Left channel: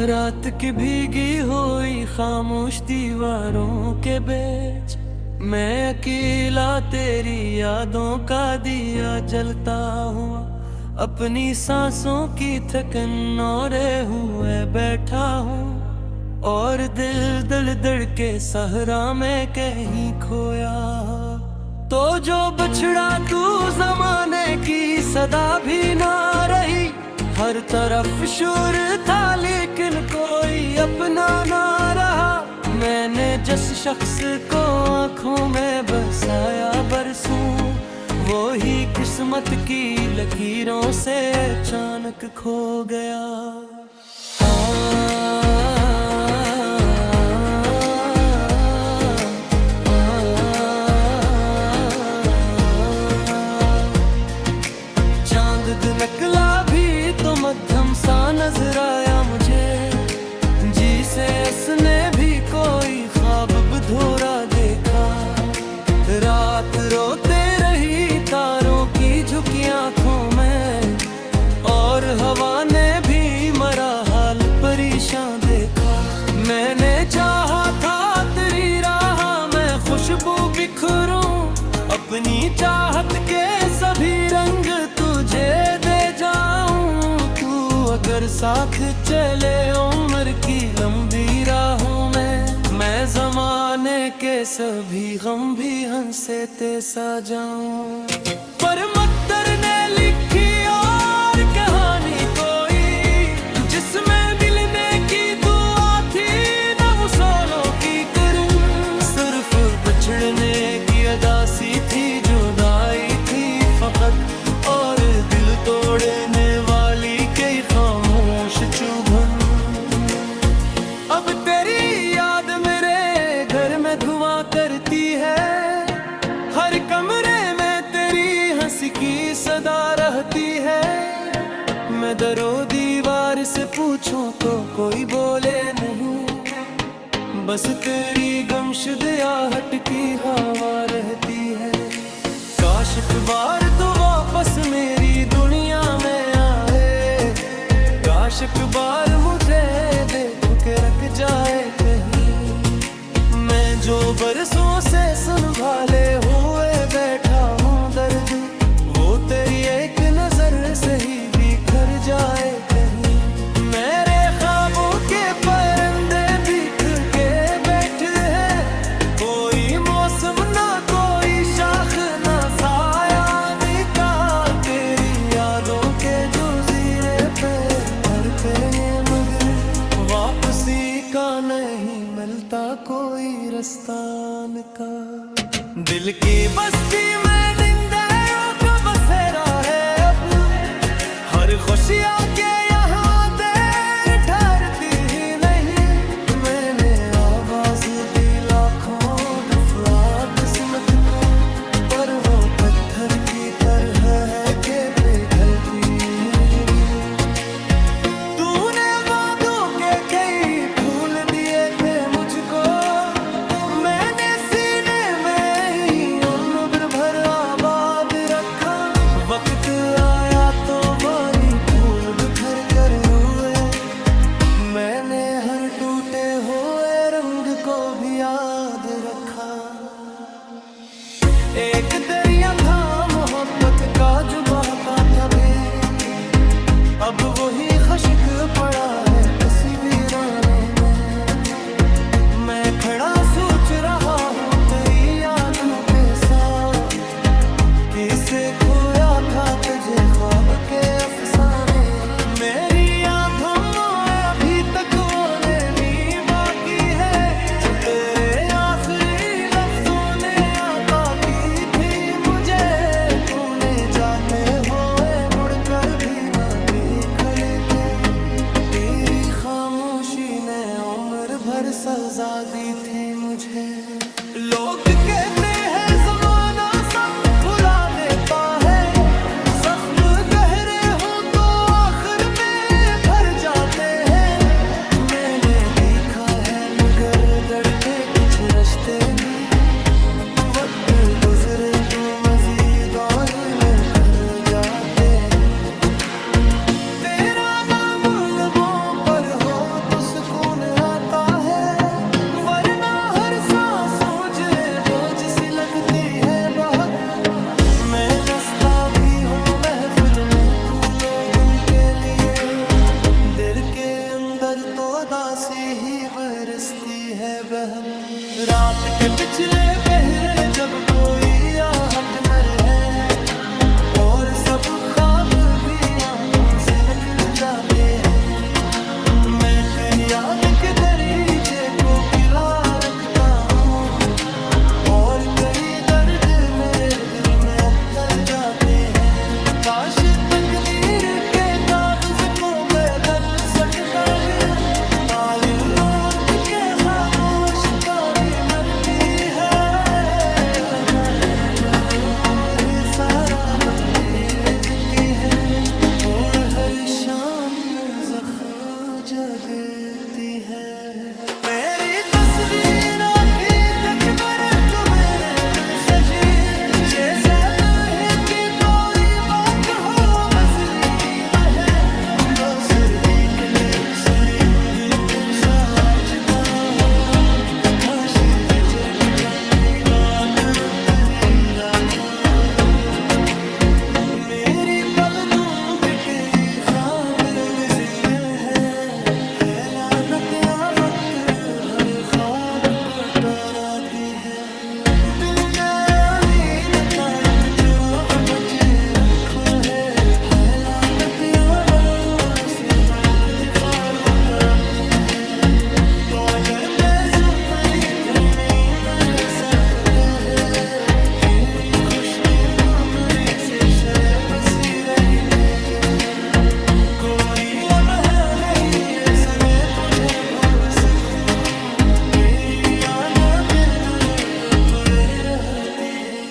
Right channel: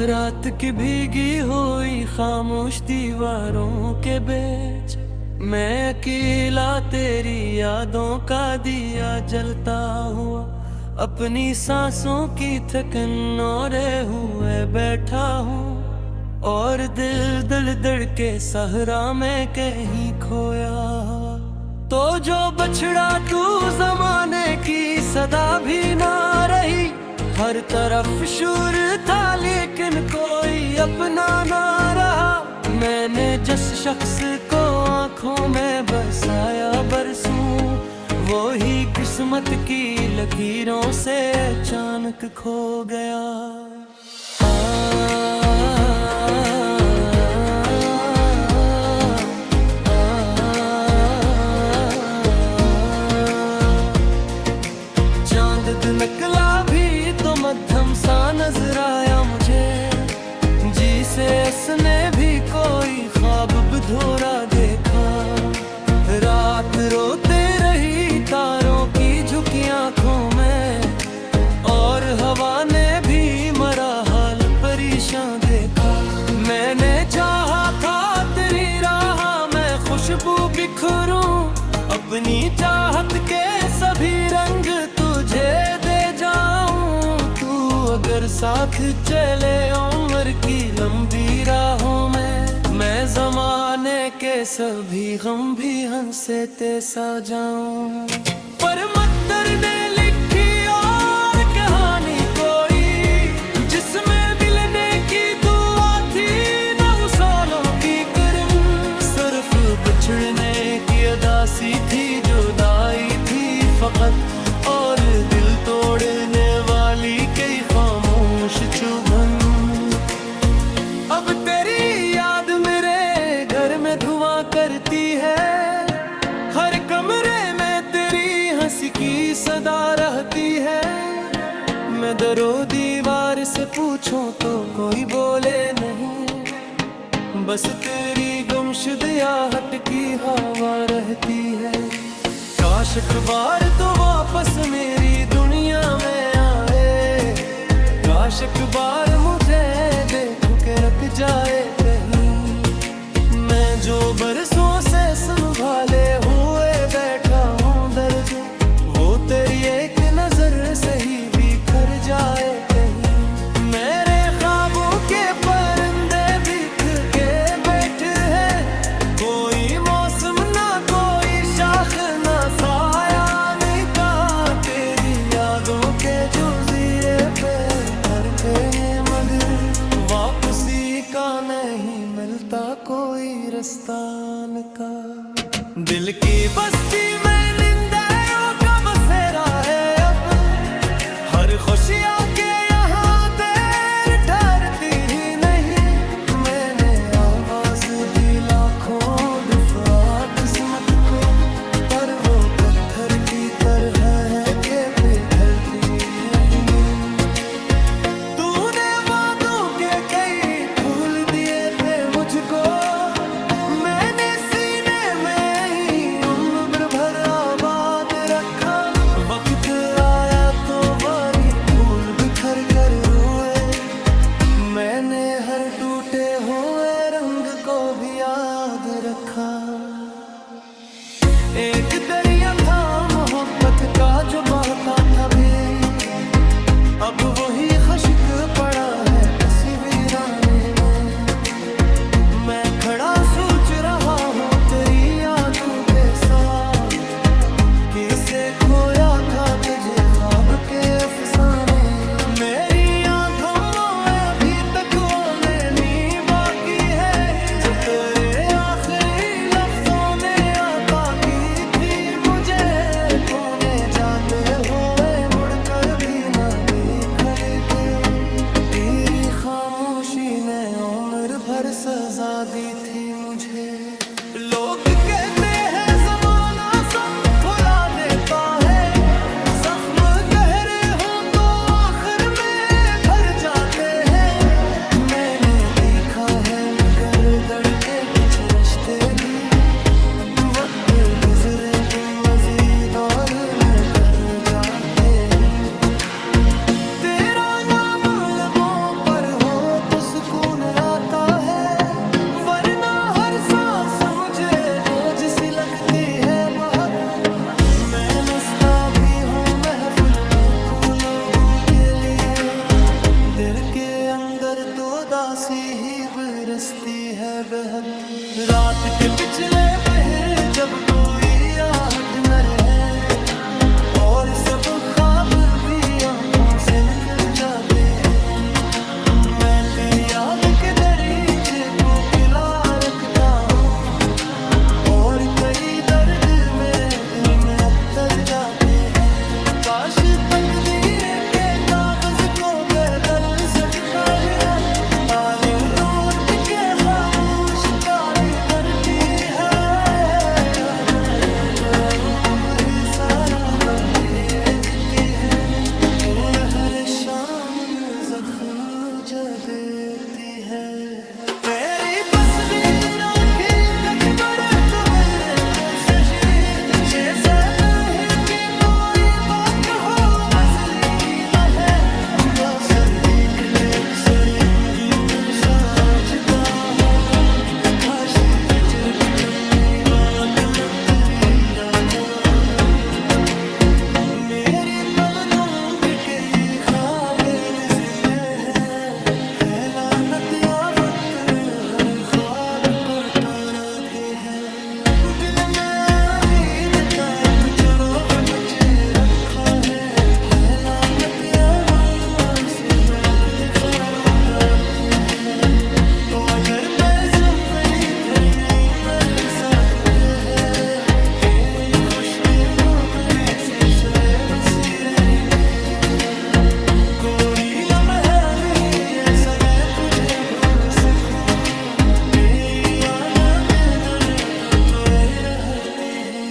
रात की भीगी हुई खामोश दीवारों के बीच मैं अकेला तेरी यादों का दिया जलता हुआ अपनी सांसों की थकन ओढ़े हुए बैठा हूँ और दिल दल दड़ के सहरा में कहीं खोया। तो जो बछड़ा तू जमाने की सदा भी ना रही, हर तरफ शोर था लेकिन कोई अपना ना रहा। मैंने जिस शख्स को आंखों में बसाया बरसों, वो ही किस्मत की लकीरों से अचानक खो गया। चांद निकला भी तो मध्यम सा नजर आया मुझे, जिसे उसने भी कोई ख्वाब बधोरा देखा। रात रोते रही तारों की झुकी आंखों में, और हवा ने भी मरा हाल परेशान देखा। मैंने चाहा था तेरी राह में खुशबू बिखरूं, अपनी चाहत के सभी रंग तुझे दे जाऊं। तू अगर साथ चले उम्र की लंबी राहों में, मैं जमाने के सभी गम भी हंसे ते सा जाऊं। पर मकदर ने लिखी और कहानी कोई, जिसमें मिलने की दुआ थी न वसूलों की करम। सिर्फ बिछड़ने की अदासी थी, जुदाई थी फकत, और दिल तोड़ने वाली कई खामोश चुभन। अब तेरी याद मेरे घर में धुआं करती है, हर कमरे में तेरी हंसी की सदा रहती है। मैं दरो दीवार से पूछूं तो कोई बोले नहीं, बस तेरी गुमशुद आहट की हवा रहती है। काश एक बार तो वापस मेरी दुनिया में आए, काश एक बार मुझे देख के रख जाए कहीं। मैं जो बरसों से संभाले हुए बैठा हूँ दर्द, वो तेरी एक नजर से ही बिखर जाए कहीं। मेरे ख्वाबों के परिंदे बिख के बैठे हैं, कोई मौसम ना कोई शाख ना साया निका। तेरी यादों के जज़ीरे पे घर पे ये मगर वापसी का नहीं मिलता कोई रस्तान का। दिल की बस्ती में निंदाओं का बसेरा है अब, हर खुशियाँ के यहाँ देर ठहरती ही नहीं। मैंने आवाज दी लाखों दफा किस्मत को, पर वो पत्थर की तरह है के पिघलती है ही नहीं। तूने वादों के कई फूल दिए थे मुझको, मैंने सीने में ही उम्र भर आबाद रखा। वक्त आया तो वारी फूल बिखर कर रोए, मैंने हर टूटे हुए रंग को भी याद रखा। एक दरिया था मोहब्बत का जो बहता था भी, अब वही खश्क पड़ा है किसी वीराने में। मैं खड़ा सोच रहा हूँ तेरी आंखों के साथ, किसे खोया था तुझे ख्वाब के अफसाने। मेरी आंखों में अभी तक वो नेमी बाकी है, जो तेरे आखिरी लफ्जों ने आता की थी मुझे। तूने जाते हुए मुड़कर भी ना देख के, तेरी खामोशी ने उम्र भर सजा दी थी मुझे। लोग कहते हैं जमाना सब भुला देता है, जख्म गहरे हो तो आखिर में भर जाते हैं। मैंने देखा है मगर दर्द के कुछ रिश्ते भी वक्त गुजरे तो मजीद और निखर जाते ही। तेरा नाम लबों पर हो तो सुकून आता है, वरना हर सांस मुझे बोझ सी लगती है बहुत। मैं नस्ता भी हूँ महफिल में तू लोगों के लिए, दिल के अंदर तो दासी ही बरसती है बहक। रात के पिछले पहर जब कोई आहट न रहे और सब ख्वाब भी आंखों से निकल जाते हैं, मैं तेरी याद के दरीचे को खिला रखता हूँ और कई दर्द मेरे दिल में अतर जाते हैं। काश तकदीर के कागज को बदल सकता गया, ताले उलट के खामोश ताली मरती है। सारा बदेती है और हर शाम में ज़ख्म देती है। मेरी तस्वीर आँखी तक बरे तो मेरे में सजी जैसे कहे कि कोई बात हो बजरी न है, बस दिखते सुरिंद में साजता हो। खाशी जिजर की कमी बात रुक हो, मेरी पलकों के कई ख्वाब जिंदे है लानत या वक्त हर ख्वाब को ताराती है। दिल ने उम्मीद का चुराग बचे रखा है लानत या वक्त से न वक्त फारूदानी है। तो अगर पैसे मेरी घर नहीं मर सकते हैं, तेरी खुशनी वो मेरी से शरे बसी रहते हैं। कोई लम्हा नहीं ऐसा मैं तुझे भूल सकूं, तेरी याद दिन रहते तुरे रहती है।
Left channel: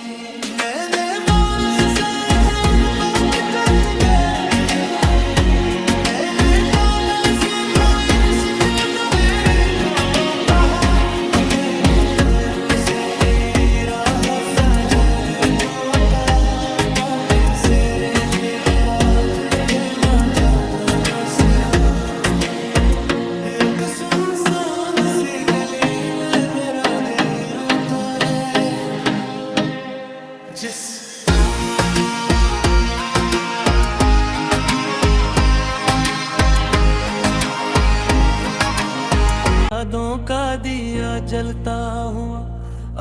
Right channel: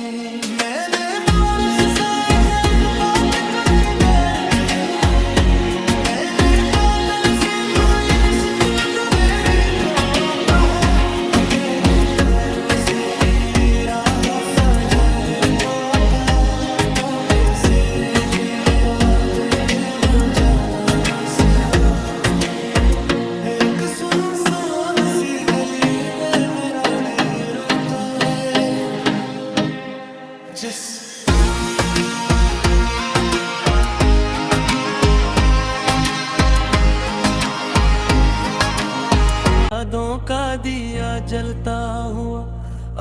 मैंने बारिश सा दर्द बात चली देर कही, मैंने बादल से कोई शिकल तो मेरी को कहा, मेरे घरों से तेरी राह सजने पोता, ताकि सेरे के मेरा देखे ना चला ना सिरा। एक सुनसान सी गली में मेरा दिल रोता है जिस यादों का दिया जलता हुआ,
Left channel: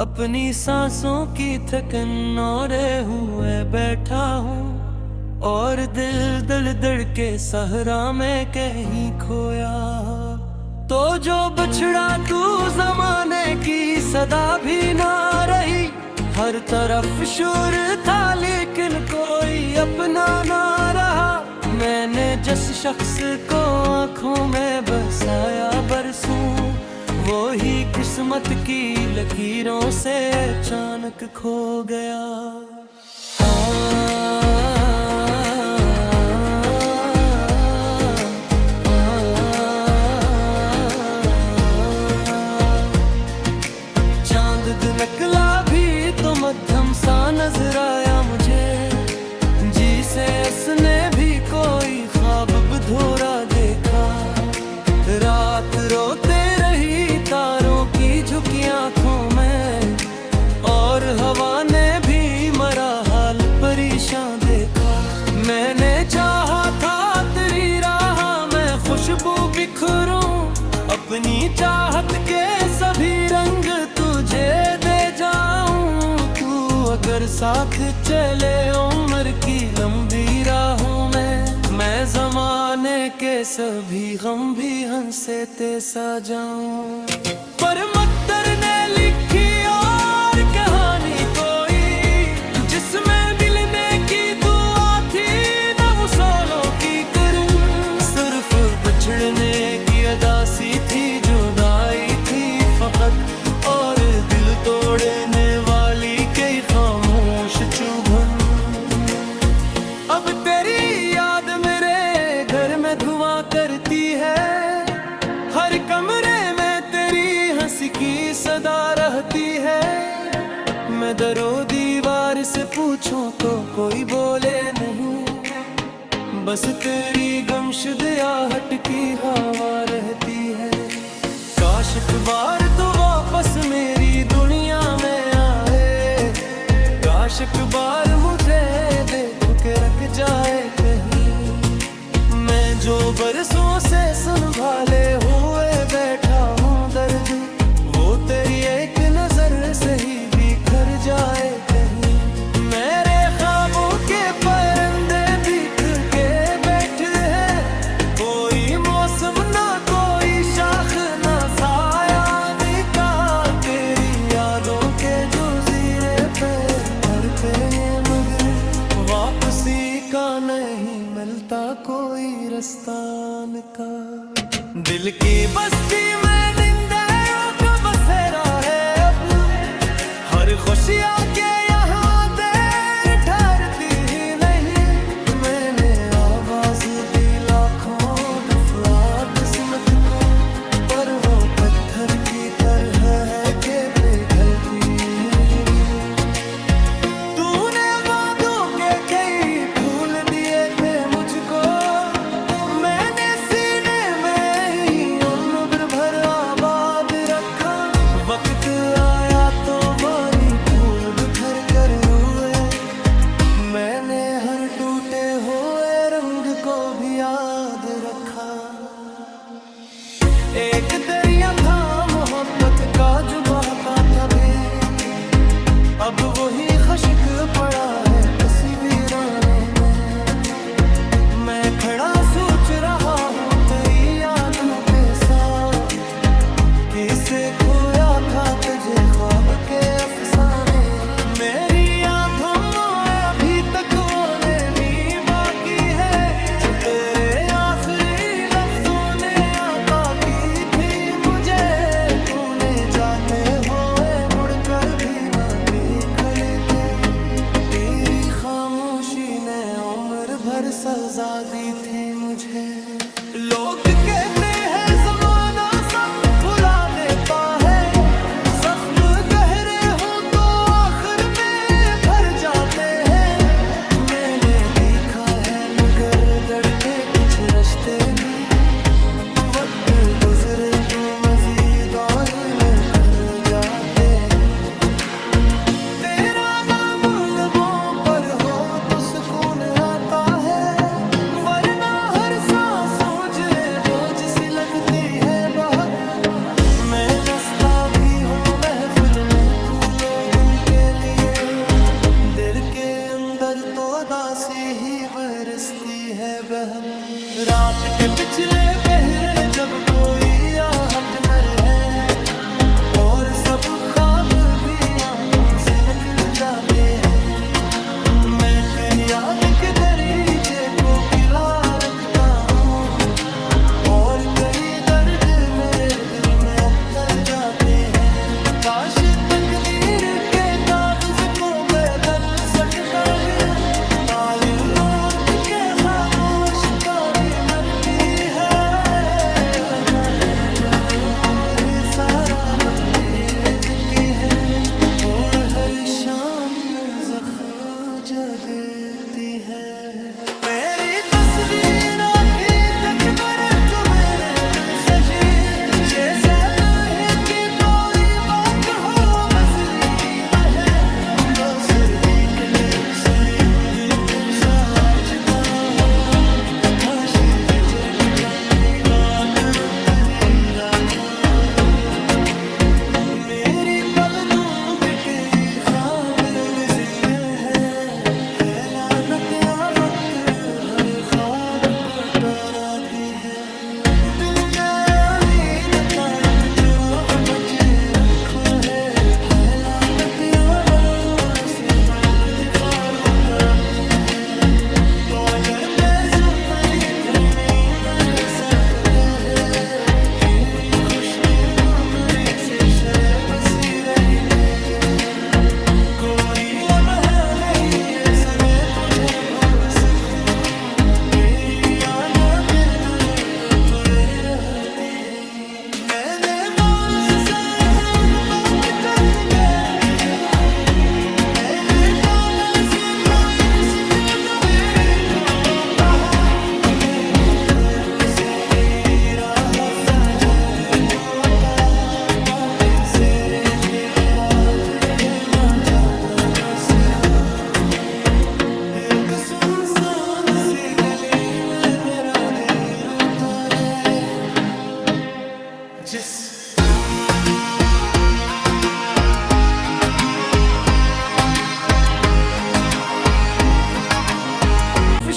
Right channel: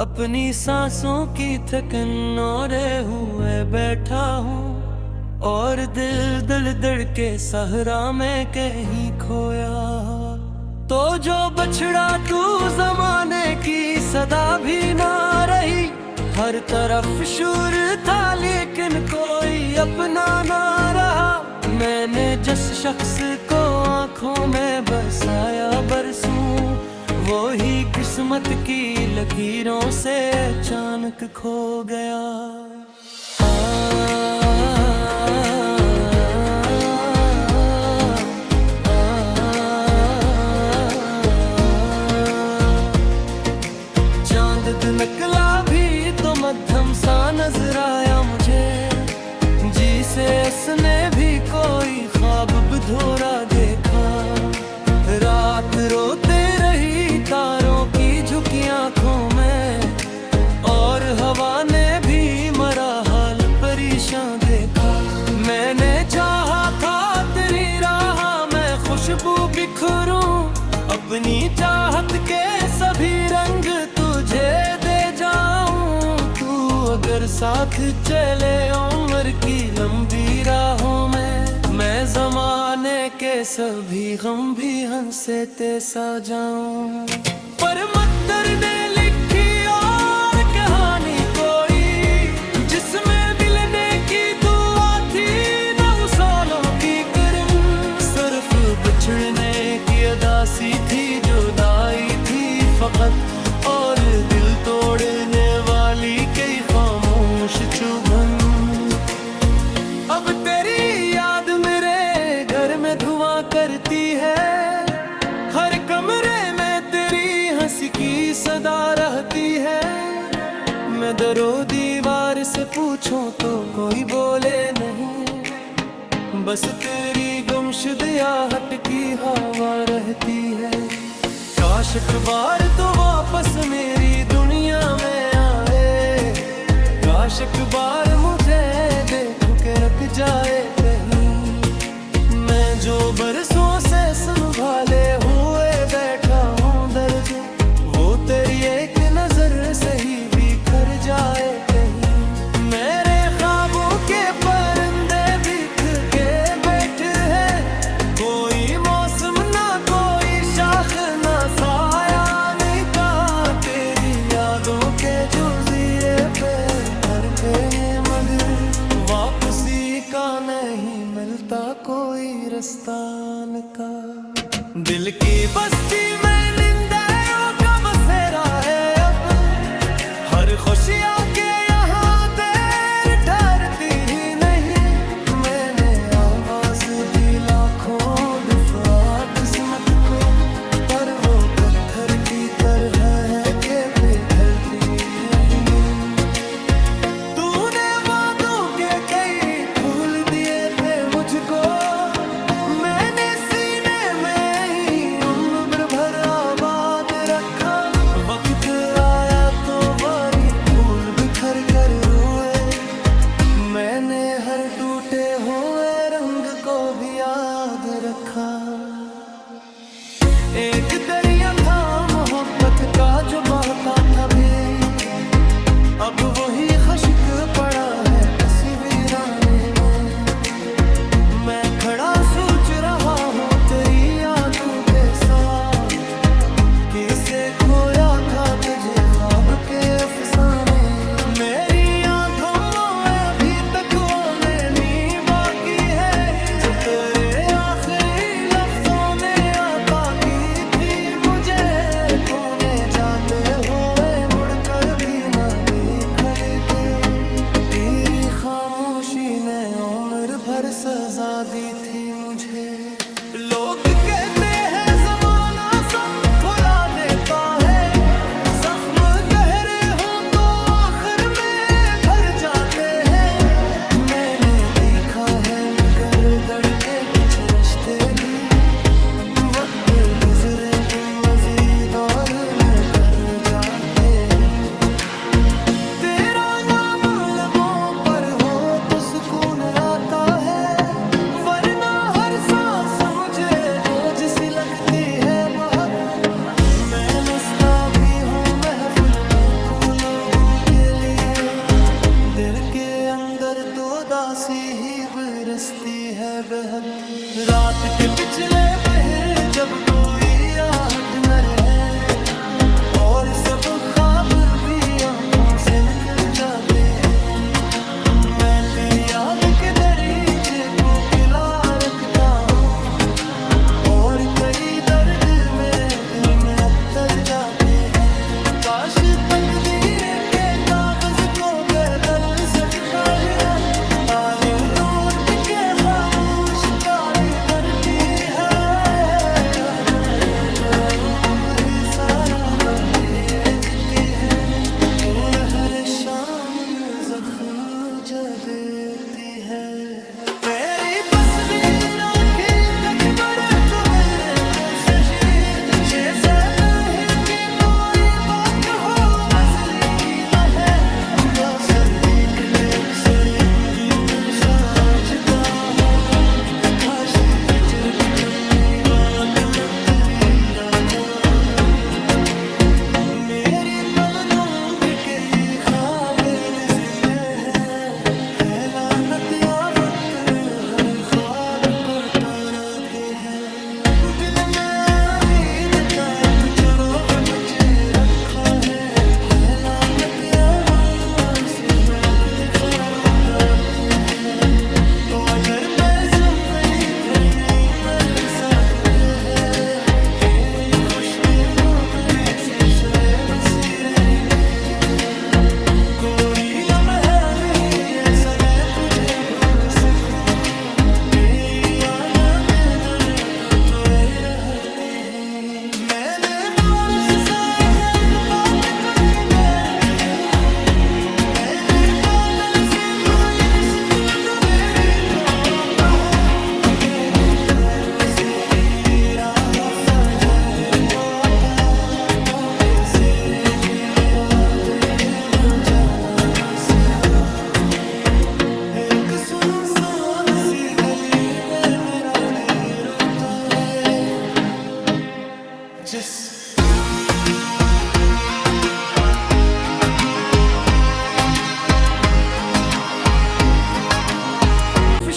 अपनी सांसों की थकन ओढ़े हुए बैठा हूँ और दिल दल दड़ के सहरा में कहीं खोया। तो जो बछड़ा तू जमाने की सदा भी ना रही, हर तरफ शोर था लेकिन कोई अपना ना रहा। मैंने जिस शख्स को आंखों में बसाया बरसों, वो ही किस्मत की लकीरों से अचानक खो गया। चांद नकला भी तो मध्यम सा नजर आया मुझे, जी से उसने भी कोई ख्वाब बधोरा देखा। रात रोते रही तारों की झुकी आंखों में, और हवा ने भी मरा हाल परेशान देखा। मैंने चाहा था तेरी राह में खुशबू बिखरूं, अपनी चाहत के सभी रंग तुझे दे जाऊं। तू अगर साथ चले उम्र की लंबी राहों में, मैं जमाने के सभी गम भी हंसे ते सा जाऊं। पर मकदर ने लिखी और कहानी कोई, जिसमें मिलने की दुआ थी न वसूलों की करम। सिर्फ बिछड़ने की अदासी थी, जुदाई थी फकत, और दिल तोड़ने वाली कई खामोश चुभन। अब तेरी याद मेरे घर में धुआं करती है, हर कमरे में तेरी हंसी की सदा रहती है। मैं दरो दीवार से पूछूं तो कोई बोले नहीं, बस तेरी गुमशुद आहट की हवा रहती है। काश एक बार तो वापस मेरी दुनिया में आए, काश एक बार मुझे देख के रख जाए कहीं। मैं जो बरसों से संभाले हुए बैठा हूँ दर्द, वो तेरी एक नजर से ही बिखर जाए कहीं। मेरे ख्वाबों के परिंदे बिख के बैठे हैं, कोई मौसम ना कोई शाख ना साया निका। तेरी यादों के जज़ीरे पे घर पे ये मगर वापसी का नहीं मिलता कोई रस्तान का। दिल की बस्ती में हर खुशियाँ के यहाँ देर ठहरती ही नहीं। मैंने आवाज दी लाखों दफा किस्मत को, पर वो पत्थर की तरह है कि पिघलती है ही नहीं। तूने वादों के कई फूल दिए थे मुझको, मैंने सीने में ही उम्र भर आबाद रखा। वक्त आया तो वारी फूल बिखर कर रोए, मैंने हर टूटे हुए रंग को भी याद रखा। एक दरिया था मोहब्बत का जो बहता था भी, अब वही खश्क पड़ा है किसी वीराने में। मैं खड़ा सोच रहा हूँ तेरी यादों के साथ, किसे खोया था तुझे ख्वाब के अफसाने। मेरी यादों में अभी तक वो नेमी बाकी है, जो तेरे आखिरी लफ्जों ने आता की थी मुझे। तूने जाते हुए मुड़कर भी ना देखा लेके, तेरी खामोशी ने उम्र भर सजा दी थी मुझे। लोग कहते हैं ज़माना सब भुला देता है, जख्म गहरे हो तो आखिर में भर जाते हैं। मैंने देखा है मगर दड़के कुछ रिश्ते भी, वक्त गुजरे तो मजीद और न कर जाते हैं। तेरा नाम लबों पर हो तो सुकून आता है, वरना हर सांस मुझे बोझ सी लगती है बहुत। मैं नस्ता भी हूँ महफिल में तू लोगों के लिए, दिल के अंदर तो दासी ही बरसती है बहक। रात के पिछले पहर जब कोई आहट न रहे, और सब ख्वाब भी आंखों से निकल जाते हैं। मैं तेरी याद के दरीचे को खिला रखता हूँ, और कई दर्द मेरे दिल में अतर जाते हैं। काश तकदीर के कागज को बदल सकता नया, ताले उलट के खामोश काली मरती है। सारा बदलती है और हर शाम में ज़ख्म देती है। मेरी तस्वीर आँखी तक बरे तो मेरे में सजी, जैसे कहीं की कोई बात हो बसरी न है। बस दिखते सुरिंद में साजता हो, खाशी जितर की कमी बात रुक दी राजा। मेरी पलकों के कई ख्वाब जिंदे है लानत या वक्त हर ख्वाब को ताराती है। दिल में उम्मीद काट चुराग बचे रखा है लानत या वक्त से न वक्त फारूदाती है। तो अगर पैसों में इधर नहीं मर सकते हैं, तेरी खुशी मेरी से शरे बसी रहते हैं। कोई लम्हा नहीं ऐसा मैं तुझे भूल सकूं, तेरी याद दिन रात तुझे रहती है। मैंने बारिश से सुनसान सी गली में मेरा दिल रोता है। जिस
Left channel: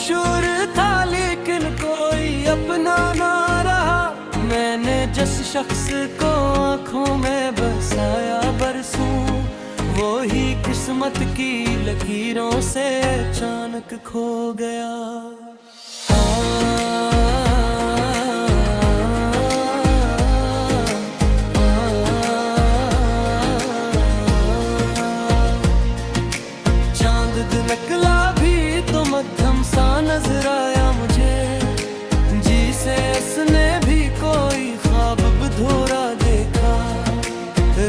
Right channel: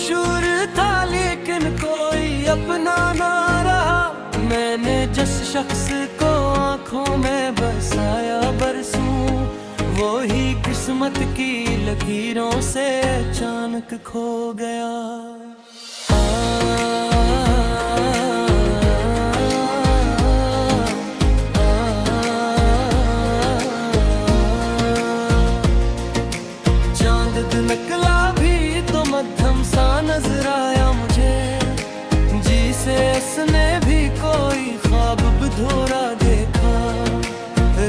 शोर था लेकिन कोई अपना ना रहा। मैंने जिस शख्स को आंखों में बसाया बरसों, वो ही किस्मत की लकीरों से अचानक खो गया। चांद निकला भी तो मध्यम सा नजर आया मुझे, जिसे उसने भी कोई ख्वाब अधूरा देखा।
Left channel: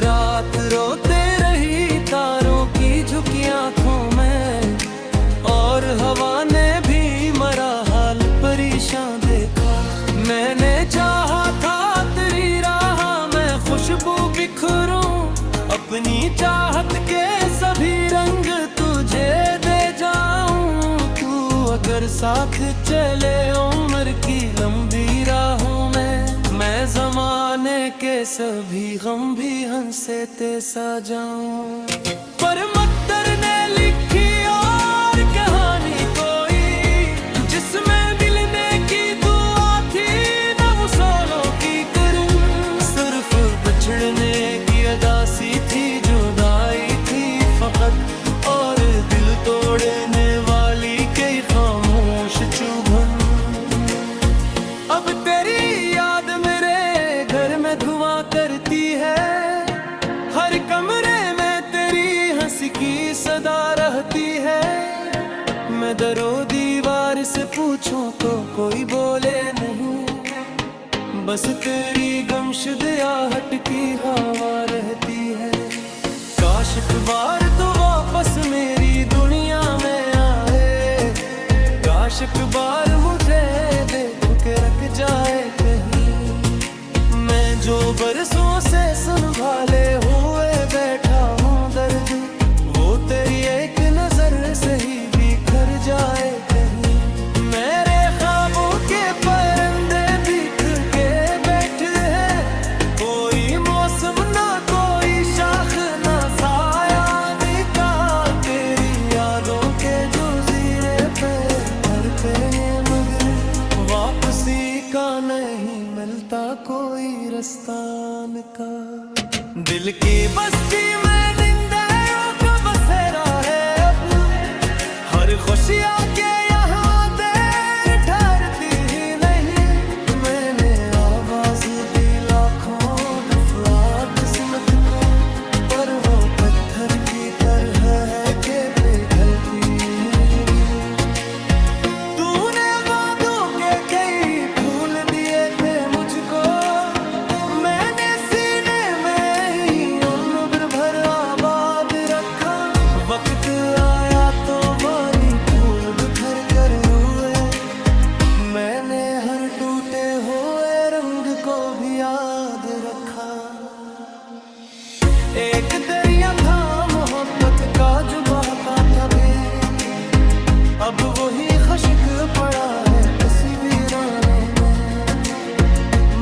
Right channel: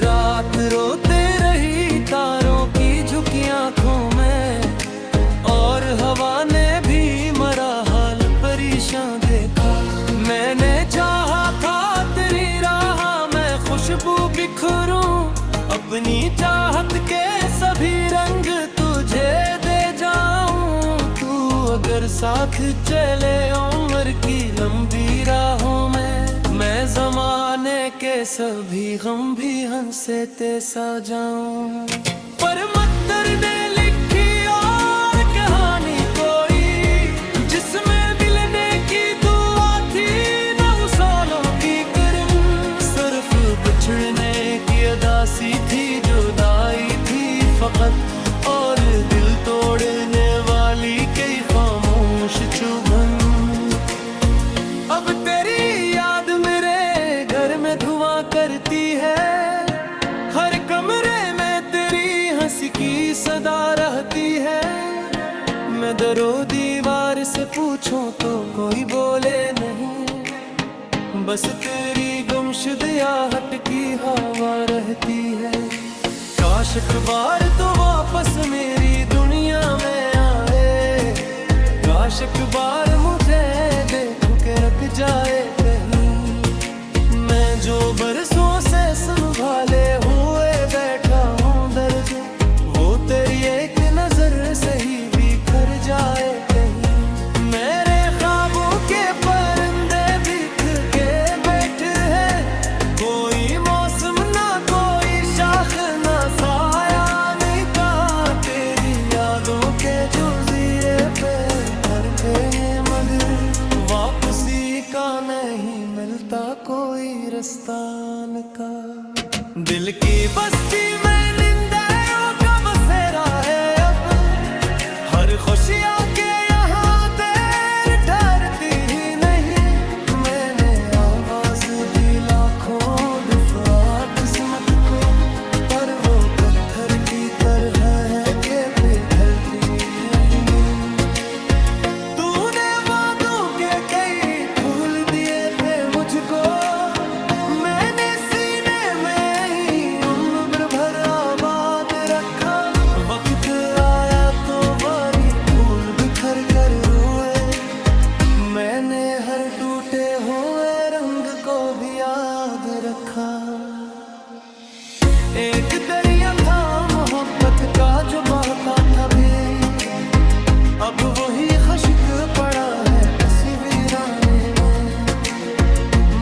रात रोते रही तारों की झुकी आंखों में, और हवा ने भी मरा हाल परेशान देखा। मैंने चाहा था तेरी राह में खुशबू बिखरूं, अपनी चाहत के सभी रंग तुझे दे जाऊं। तू अगर साथ चले उम्र की लंबी राहों में, मैं ज़माने के सभी गम भी हंसे ते सा जाऊं। पर मकदर ने लिखी और कहानी कोई, जिसमें मिलने की दुआ थी न वसूलों की करम। सिर्फ बिछड़ने की अदासी थी, जुदाई थी फकत, और दिल तोड़ने वाली कई खामोश चुभन। अब तेरी याद मेरे घर में धुआं करती है, हर कमरे में तेरी हंसी की सदा रहती है। मैं दरो दीवार से पूछूं तो कोई बोले नहीं, बस तेरी गुमशुद आहट की हवा रहती है। काश एक बार तो वापस मेरी दुनिया में आए, काश एक बार मुझे देख के रख जाए कहीं। मैं जो बरसों से संभाले हुए बैठा हूँ दर्द, वो तेरी एक नजर से ही बिखर जाए कहीं। मेरे ख्वाबों के परिंदे बिख के बैठे हैं, कोई मौसम ना कोई शाख ना साया निका। तेरी यादों के जज़ीरे पे घर पे मगर वापसी का नहीं मिलता कोई रस्तान का। दिल की बस्ती में निंदाओं का बसेरा है अब, हर खुशियाँ के यहाँ देर ठहरती ही नहीं। मैंने आवाज दी लाखों दफा किस्मत को, पर वो पत्थर की तरह है के पिघलती है ही नहीं। तूने वादों के कई फूल दिए थे मुझको, मैंने सीने में ही उम्र भर आबाद रखा। वक्त आया तो बारी फूल बिखर कर रोए, मैंने हर टूटे हुए रंग को भी याद रखा। एक दरिया था मोहब्बत का जो बहता था भी, अब वही खश्क पड़ा है किसी वीराने में।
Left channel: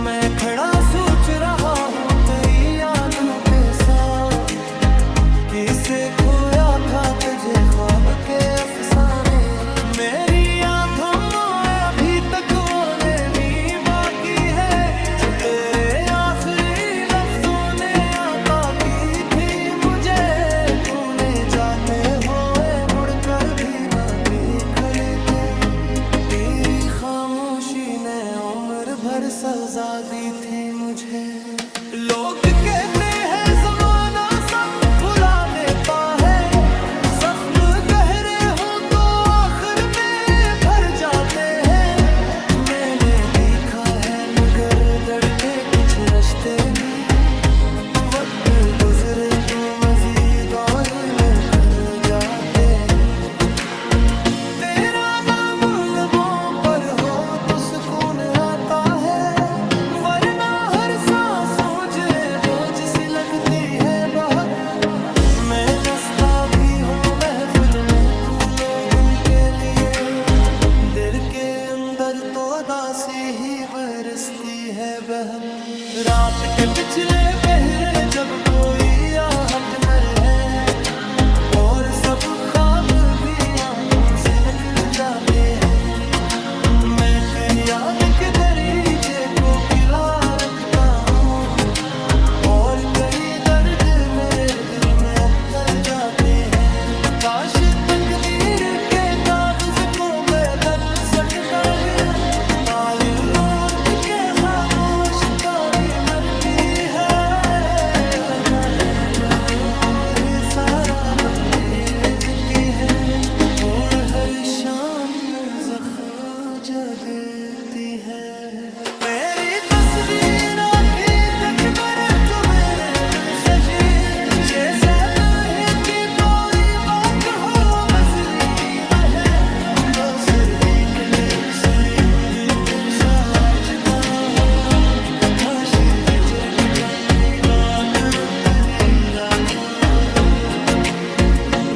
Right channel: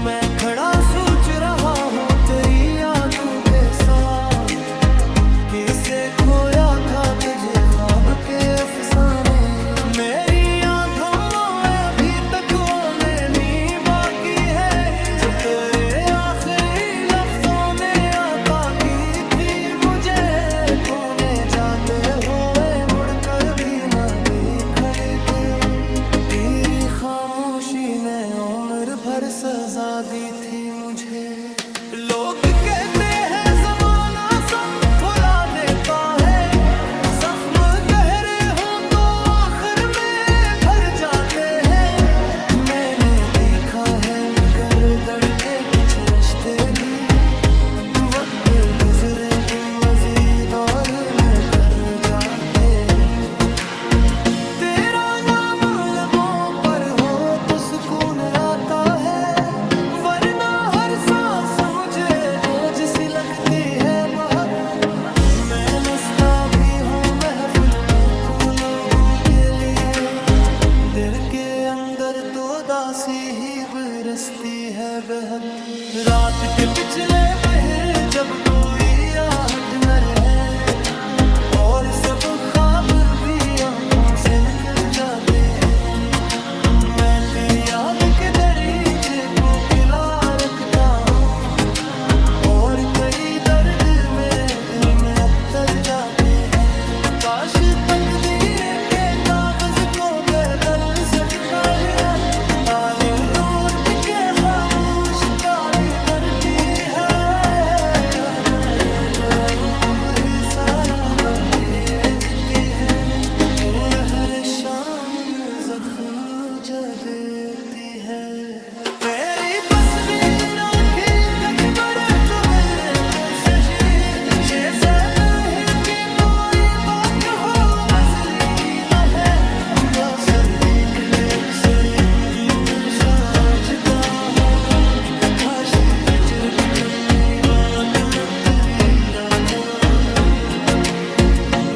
मैं खड़ा सोच रहा हूँ तेरी आंखों के साथ, किसे खोया था तुझे ख्वाब के अफसाने। मेरी यादों में अभी तक वो नेमी बाकी है, जो तेरे आखिरी लफ्जों ने आता की थी मुझे। तूने जाते हुए मुड़कर भी ना देख के, तेरी खामोशी ने उम्र भर सजा दी थी मुझे। लोग कहते हैं जमाना सब भुला देता है, जख्म गहरे हो तो आखिर में भर जाते हैं। मैंने देखा है मगर दड़ते कुछ रिश्ते भी, वक्त गुजरे तो मजीद और न कर जाते हैं। तेरा नाम लबों पर हो तो सुकून आता है, वरना हर सांस मुझे बोझ सी लगती है बहुत। मैं नस्ता भी हूँ महफिल में तू लोगों के लिए, दिल के अंदर तो दासी ही बरसती है बहक। रात के पिछले पहर जब कोई आहट न रहे और सब ख्वाब भी आंखों से निकल जाते हैं, मैं तेरी याद के दरीचे को खिला रखता हूँ और कई दर्द मेरे दिल में अतर जाते हैं। काश तकदीर के कागज को बदल सकता गया, ताले उलट के खामोश ताली मरती है, सारा बदलती है और हर शाम में ज़ख्म देती है। मेरी तस्वीरों की तकबर तो मेरे में सजी, जैसे कहीं की कोई बात हो बसरी न है, बसरी के सुरेंद्र में साजता हो, खाशी जिजर की कमी बात रुतरी रागो।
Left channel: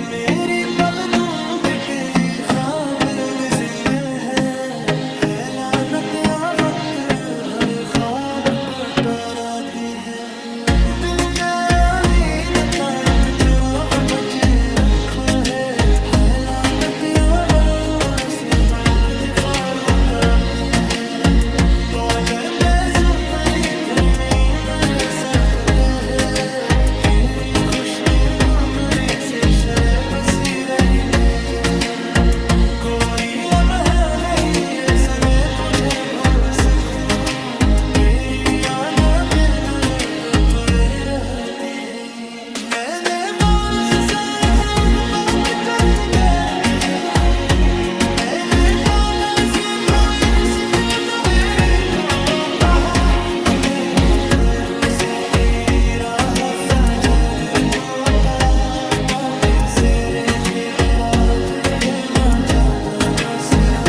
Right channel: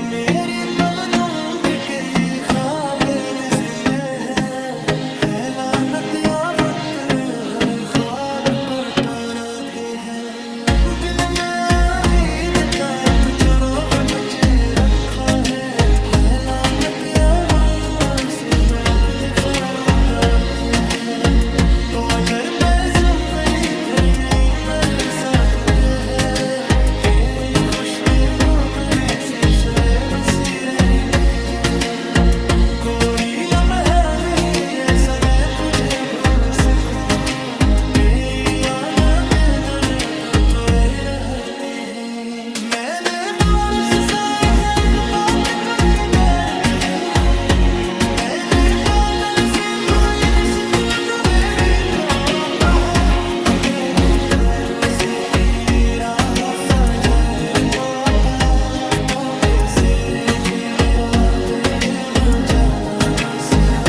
मेरी पलकों के कई ख्वाब जिंदे है लानत या वक्त हर ख्वाब को ताराती है। दिल ने उम्मीद का छोड़ो बचे रखा है लानत या वक्त से न वक्त फारूंगा अपने है। तो अगर पैसे मेरी घर में मर सकते हैं, तेरी खुशी मेरी से शरे बसी रहते हैं। कोई लम्हा नहीं ऐसा मैं तुझे भूल सकूं, तेरी याद बिन तुरे रहती है। मैंने बारिश से दर्द बात चली कर कही, मैंने बादल से कोई शिकल तो मेरी को कहा, मेरे घरों से तेरी राह सजने को सेरे के मेरा दे देना जाना सिरा।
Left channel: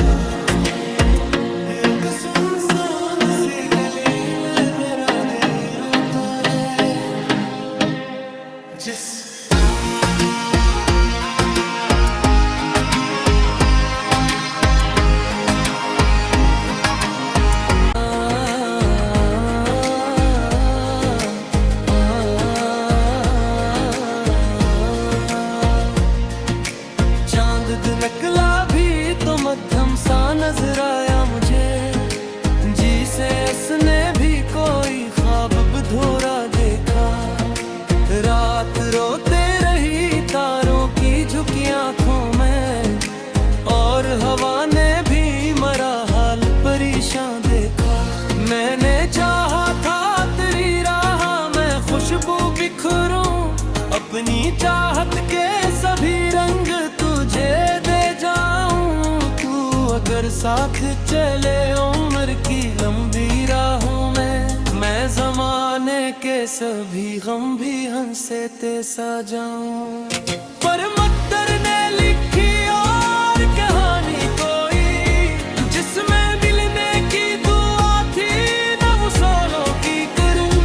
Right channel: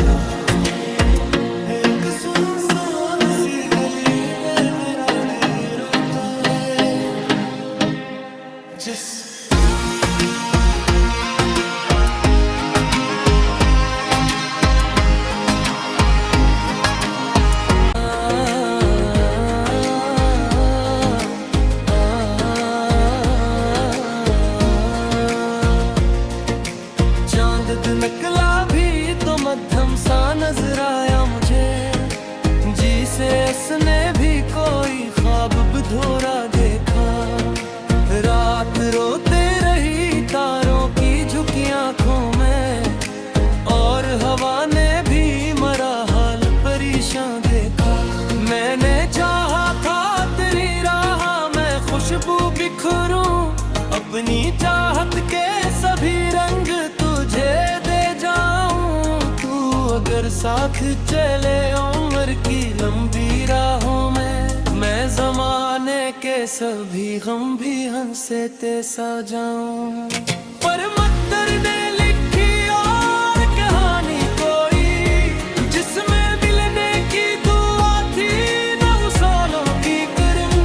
एक सुनसान सी गली में मेरा दिल रोता है, जिस नकला भी तो मध्यम सा नजर आया मुझे, जी से असने भी कोई ख्वाब बधोरा देखा। रात रोते रही तारों की झुकी आंखों में, और हवा ने भी मरा हाल परेशान देखा। मैंने चाहा था तेरी राह में खुशबू बिखरूं, अपनी चाहत के सभी रंग तुझे दे जाऊं। तू अगर साथ चले उम्र की लंबी राहों में, मैं जमाने के सभी गम भी हंसे ते सा जाऊं। पर मकदर ने लिखी और कहानी कोई, जिसमें मिलने की दुआ थी न वसूलों की करम,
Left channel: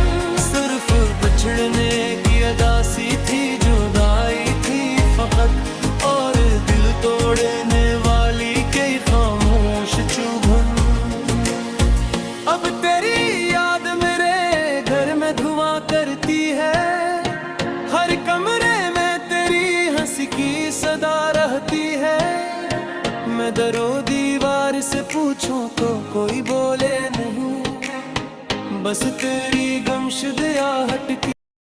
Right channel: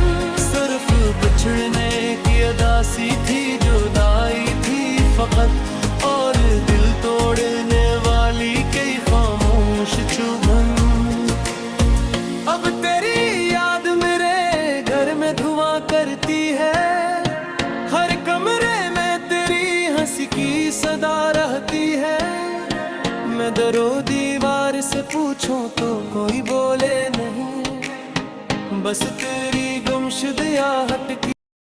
सिर्फ बिछड़ने की अदासी थी, जुदाई थी फकत, और दिल तोड़ने वाली कई खामोश चुभन। अब तेरी याद मेरे घर में धुआं करती है, हर कमरे में तेरी हंसी की सदा रहती है। मैं दरो दीवार से पूछूं तो कोई बोले नहीं, बस तेरी गुमशुदा आहट की